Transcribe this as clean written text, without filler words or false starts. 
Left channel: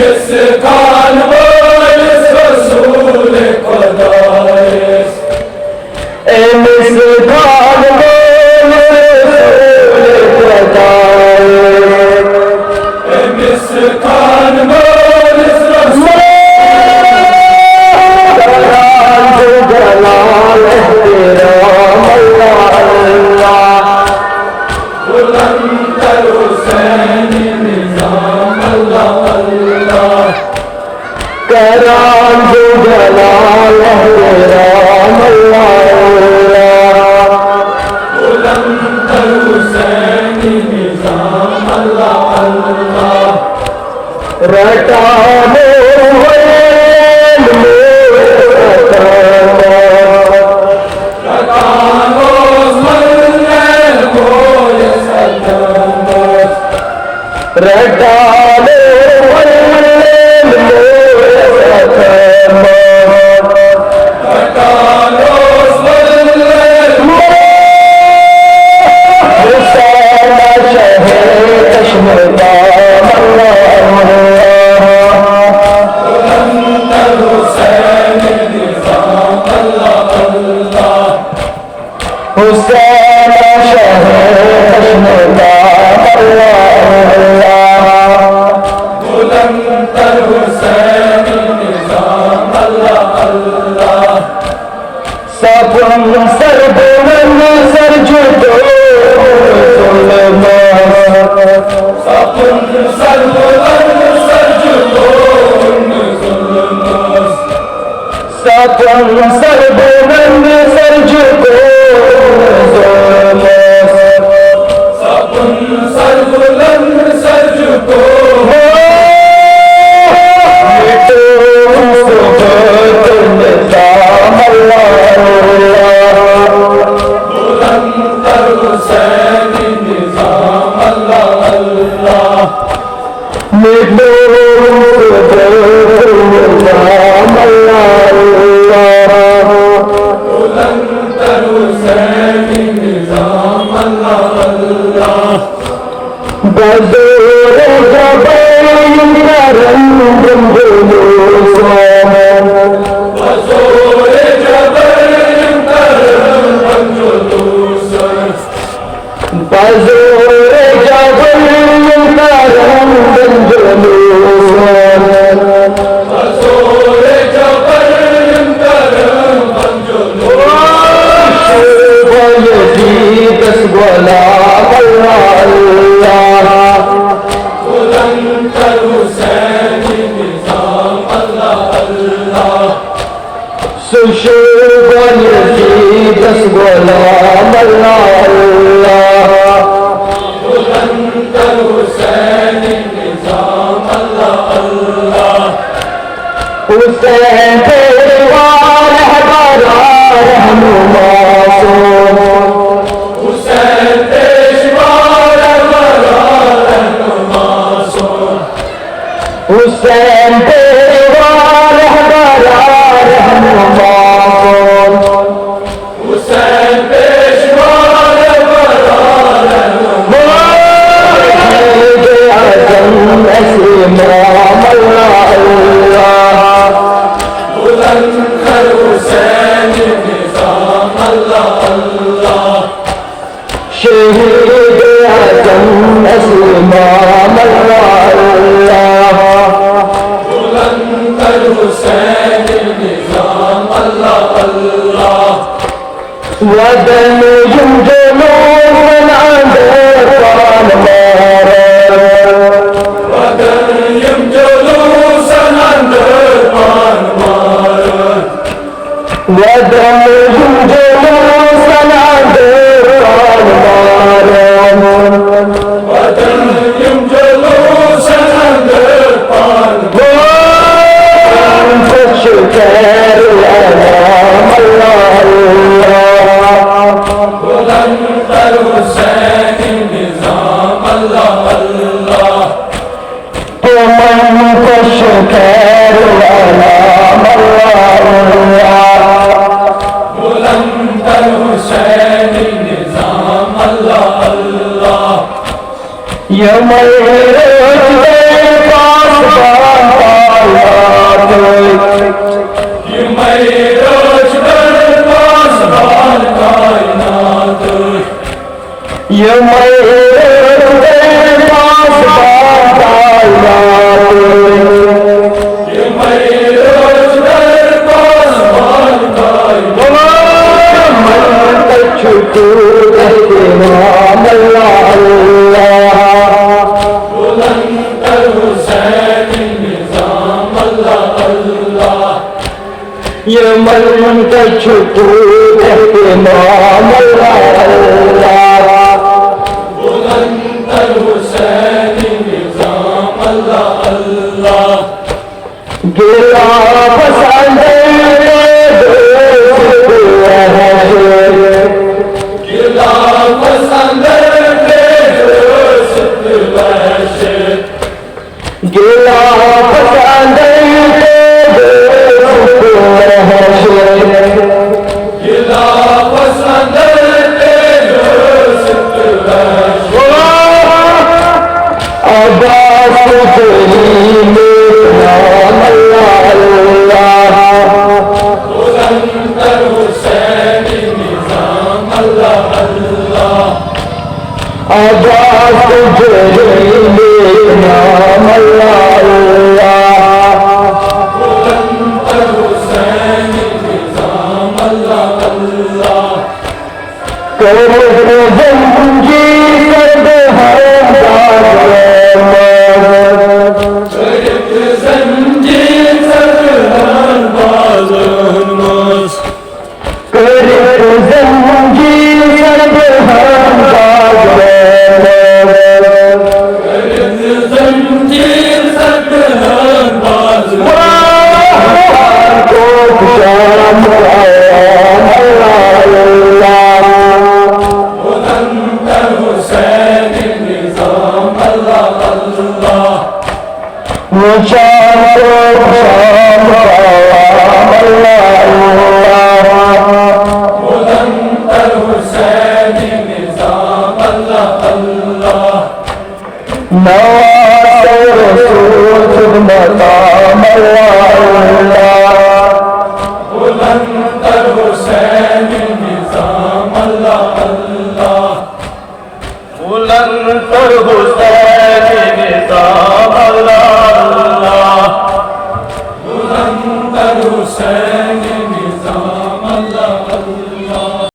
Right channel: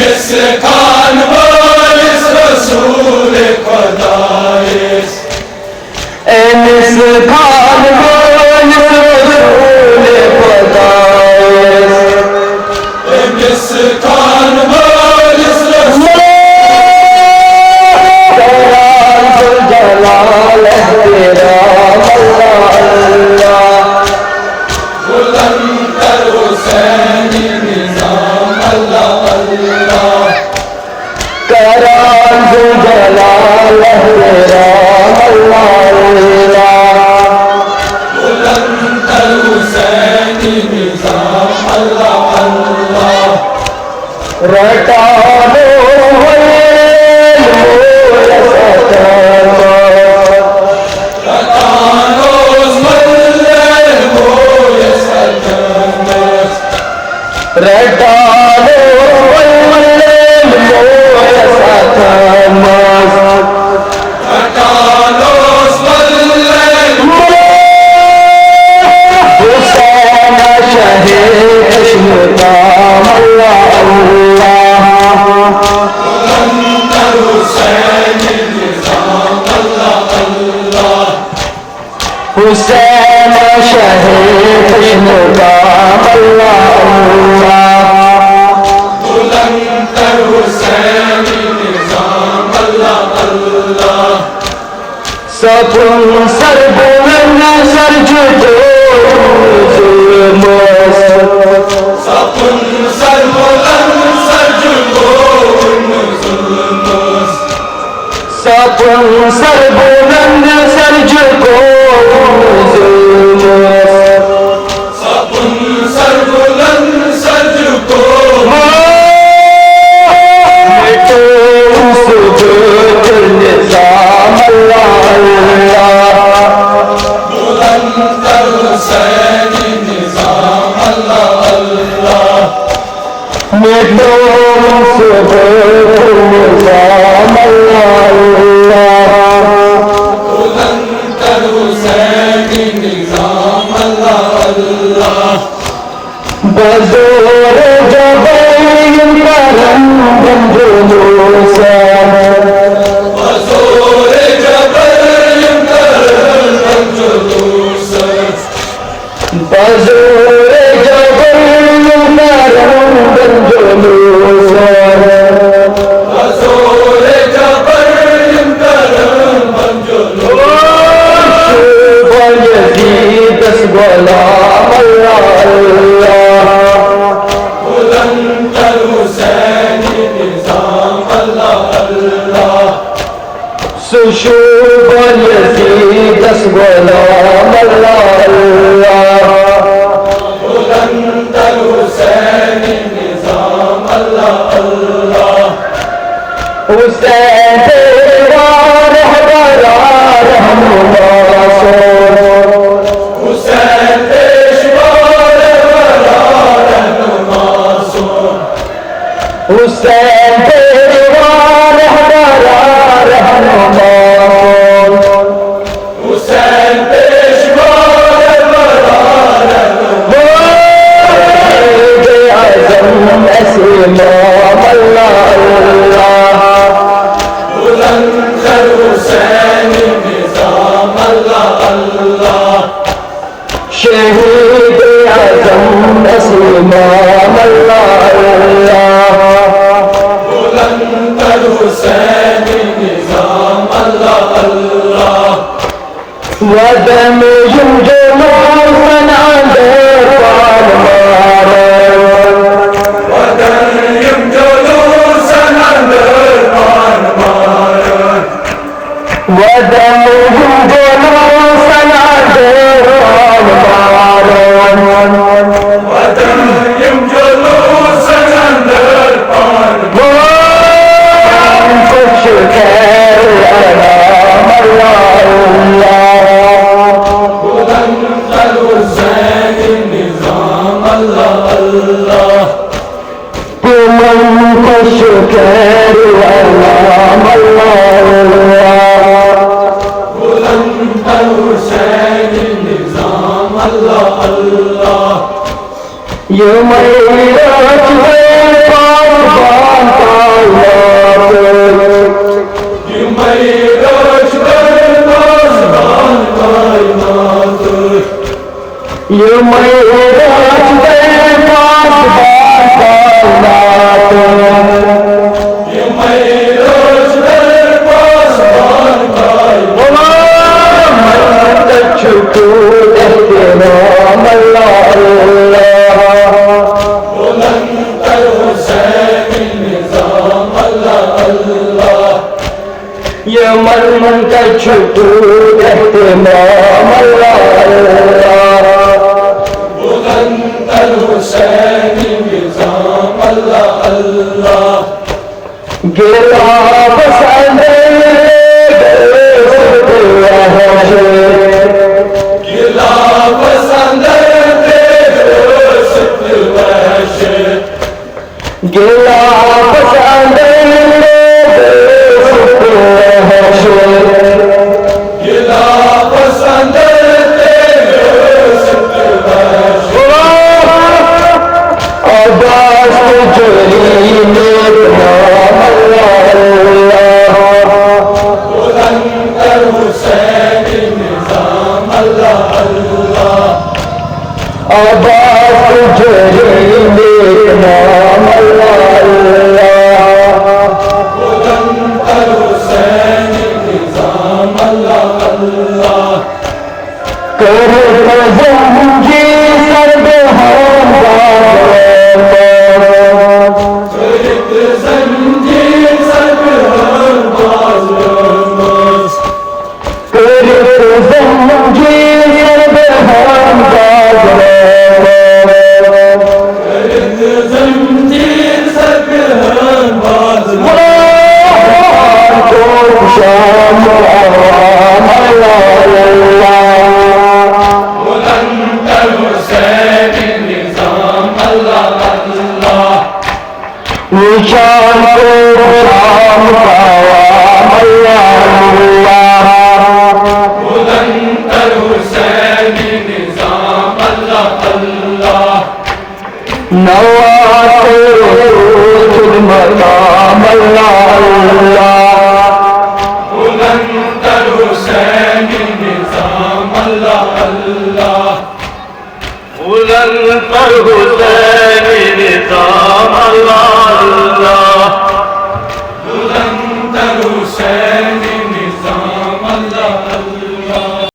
मिस्कान बारिश रसूल खुदाइश मिस्कान बारिश रसूल खुदाइश मिस्कान बारिश रसूल जलाल तेरा अल्लाह अल्लाह बुलंदर हुसैनी निजाम अल्लाह अल्लाह कराम जलाल तेरा अल्लाह अल्लाह बुलंदर हुसैनी निजाम अल्लाह अल्लाह रटा हुसैन शहीद निजाम अल्लाह अल्लाह बुलंदर हुसैनी निजाम अल्लाह अल्लाह सपुन सर बुलंद सर जुटो सपुन सर बुलंद सर जुटो सपुन सर बुलंद सर जुटो सपुन सर बुलंद सर जुटो निजाम अल्लाह बुलंदर हुसैनी निजाम अल्लाह अल्लाह निजाम अल्लाह बुलंदर हुसैनी निजाम अल्लाह अल्लाह बज़ोर जबैन करम जुलूस बज़ोर जबैन करम जुलूस बज़ोर जबैन करम जुलूस बज़ोर जबैन करम जुलूस यज़ीद गुलाम अल्लाह अल्लाह बुलंदर हुसैनी निजाम अल्लाह अल्लाह सुशोभ यज़ीद गुलाम अल्लाह अल्लाह बुलंदर हुसैनी निजाम अल्लाह अल्लाह हुसैन तेरा रहबरा रहनुमा हुसैन पेशवा रहबरा रहनुमा हुसैन तेरा रहबरा रहनुमा हुसैन पेशवा रहबरा रहनुमा आज़म ऐसे इमाम अल्लाह अल्लाह बुलंदर हुसैनी निजाम अल्लाह अल्लाह शहीद आज़म ऐसे इमाम अल्लाह अल्लाह बुलंदर हुसैनी निजाम अल्लाह अल्लाह वदन युजलो सनादे पान मारो वदन युजलो सनंदर पान मारो वदन युजलो सनादे पान मारो वदन युजलो सनंदर पान खुश खैर अनाम अल्लाह अल्लाह बुलंदर हुसैनी निजाम अल्लाह अल्लाह मन खुश खैर अनाम अल्लाह अल्लाह बुलंदर हुसैनी निजाम अल्लाह अल्लाह ये मेरे पास ये मेरे पास ये मेरे पास छुट्टी देते बुलंदर हुसैन निज़ाम अल्लाह अल्लाह ये मरमन का छुट्टी देते बुलंदर हुसैन निज़ाम अल्लाह अल्लाह गिला पसंद गिला पसंद गिला पसंद गिला पसंद बुलंदर हुसैन निज़ाम अल्लाह अल्लाह बुलंदर हुसैन निज़ाम अल्लाह अल्लाह जंजीर सरहद बाज़ जंजीर सरहद बाज़ बुलंदर हुसैन निज़ाम अल्लाह अल्लाह बुलंदर हुसैन निज़ाम अल्लाह अल्लाह बुलंदर हुसैन निज़ाम अल्लाह अल्लाह बुलंदर हुसैन निज़ाम अल्लाह